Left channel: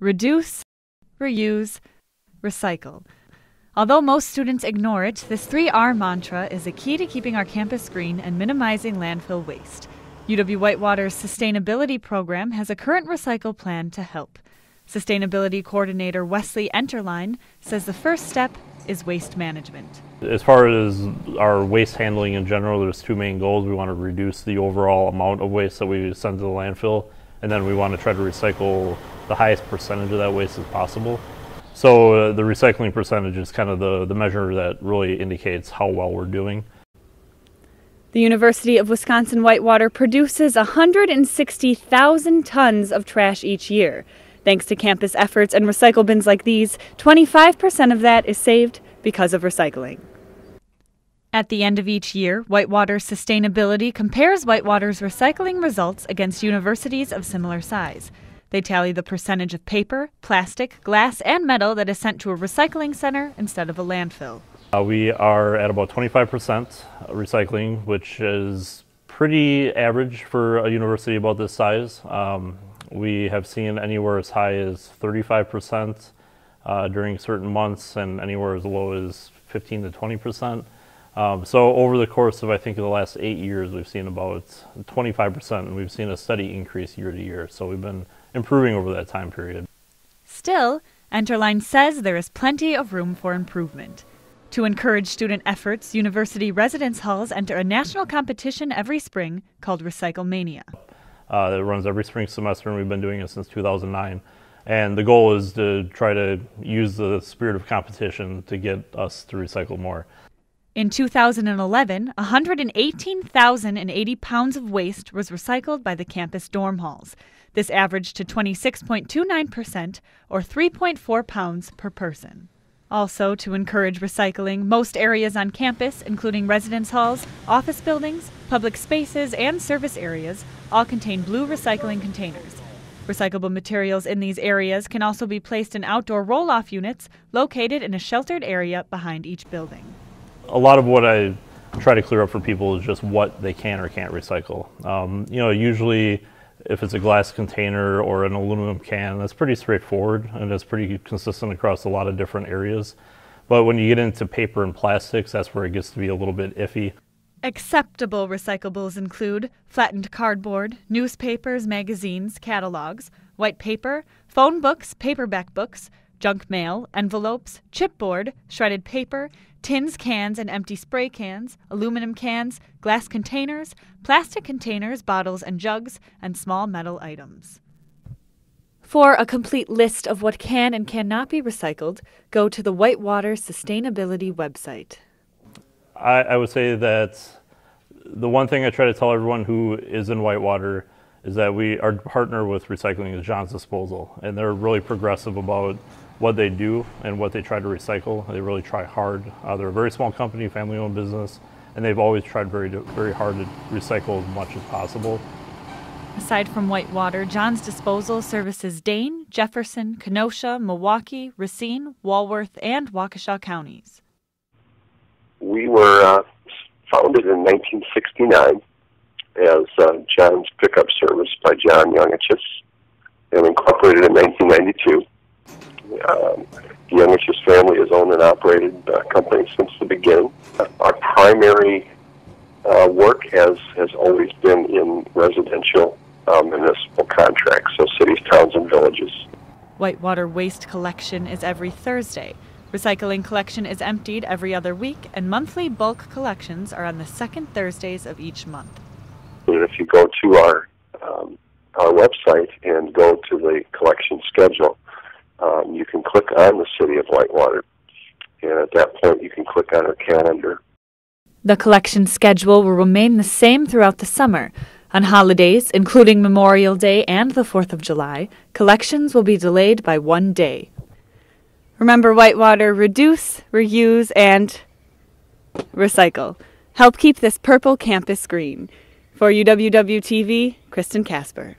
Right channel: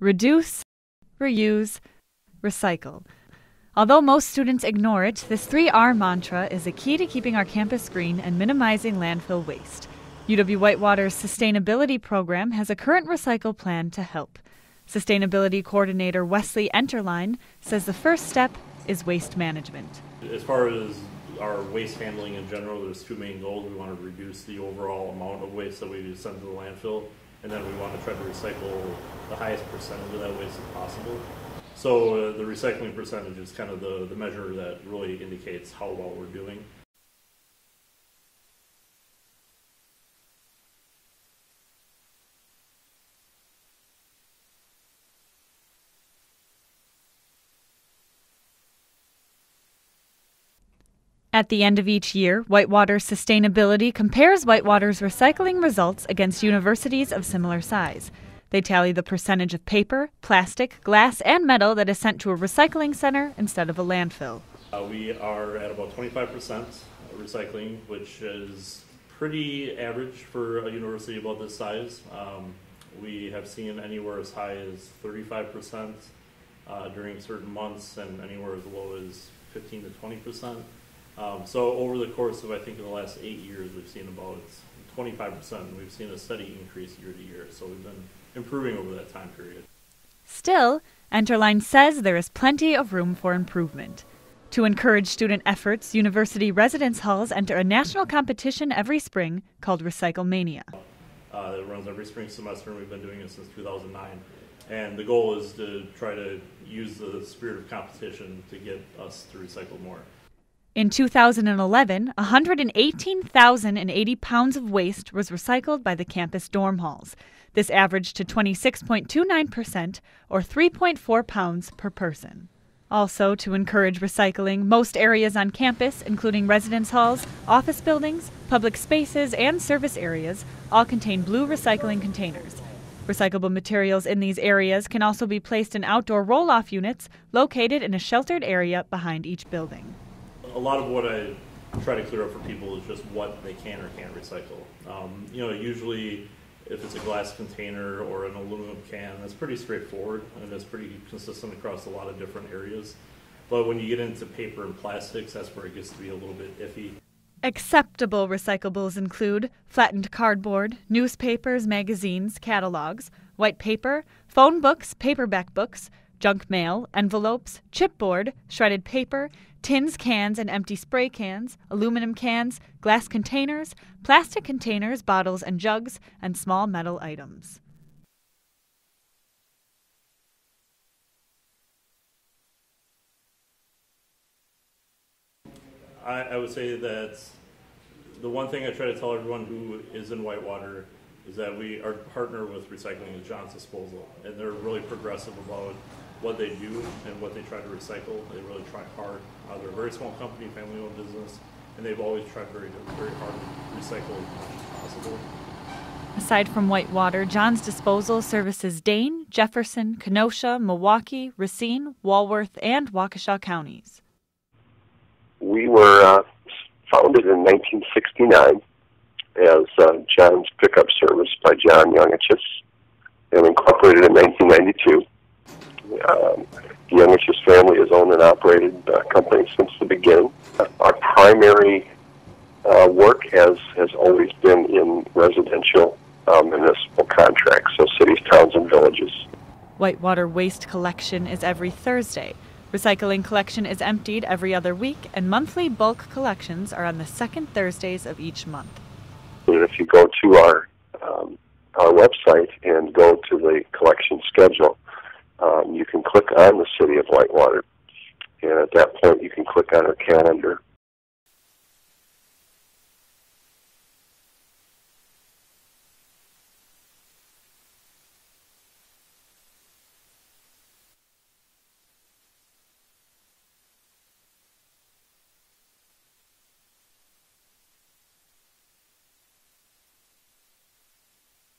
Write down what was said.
reduce, reuse, recycle. Although most students ignore it, this 3R mantra is a key to keeping our campus green and minimizing landfill waste. UW-Whitewater's sustainability program has a current recycle plan to help. Sustainability Coordinator Wesley Enterline says the first step is waste management. As far as our waste handling in general, there's two main goals. We want to reduce the overall amount of waste that we send to the landfill, and then we want to try to recycle the highest percentage of that waste as possible. So the recycling percentage is kind of the measure that really indicates how well we're doing. The University of Wisconsin-Whitewater produces 160,000 tons of trash each year. Thanks to campus efforts and recycle bins like these, 25% of that is saved because of recycling. At the end of each year, Whitewater Sustainability compares Whitewater's recycling results against universities of similar size. They tally the percentage of paper, plastic, glass, and metal that is sent to a recycling center instead of a landfill. We are at about 25% recycling, which is pretty average for a university about this size. We have seen anywhere as high as 35% during certain months and anywhere as low as 15 to 20%. So over the course of, I think, the last 8 years, we've seen about 25%, and we've seen a steady increase year to year. So we've been improving over that time period. Still, Enterline says there is plenty of room for improvement. To encourage student efforts, university residence halls enter a national competition every spring called Recycle Mania. It runs every spring semester, and we've been doing it since 2009. And the goal is to try to use the spirit of competition to get us to recycle more. In 2011, 118,080 pounds of waste was recycled by the campus dorm halls. This averaged to 26.29%, or 3.4 pounds per person. Also, to encourage recycling, most areas on campus, including residence halls, office buildings, public spaces, and service areas, all contain blue recycling containers. Recyclable materials in these areas can also be placed in outdoor roll-off units located in a sheltered area behind each building. A lot of what I try to clear up for people is just what they can or can't recycle. Usually if it's a glass container or an aluminum can, that's pretty straightforward and it's pretty consistent across a lot of different areas. But when you get into paper and plastics, that's where it gets to be a little bit iffy. Acceptable recyclables include flattened cardboard, newspapers, magazines, catalogs, white paper, phone books, paperback books, junk mail, envelopes, chipboard, shredded paper, tins, cans, and empty spray cans, aluminum cans, glass containers, plastic containers, bottles and jugs, and small metal items. For a complete list of what can and cannot be recycled, go to the Whitewater Sustainability website. I would say that the one thing I try to tell everyone who is in Whitewater is that our partner with recycling is John's Disposal, and they're really progressive about what they do and what they try to recycle. They really try hard. They're a very small company, family-owned business, and they've always tried very, very hard to recycle as much as possible. Aside from Whitewater, John's Disposal services Dane, Jefferson, Kenosha, Milwaukee, Racine, Walworth, and Waukesha counties. We were founded in 1969 as John's Pickup Service by John Youngichus and incorporated in 1992. The Youngichus family has owned and operated the company since the beginning. Our primary work has always been in residential municipal contracts, so cities, towns, and villages. Whitewater waste collection is every Thursday. Recycling collection is emptied every other week, and monthly bulk collections are on the second Thursdays of each month. And if you go to our website and go to the collection schedule, you can click on the City of Whitewater, and at that point you can click on our calendar. The collection schedule will remain the same throughout the summer. On holidays, including Memorial Day and the 4th of July, collections will be delayed by 1 day. Remember, Whitewater, reduce, reuse, and recycle. Help keep this purple campus green. For UWW-TV, Kristen Kasper.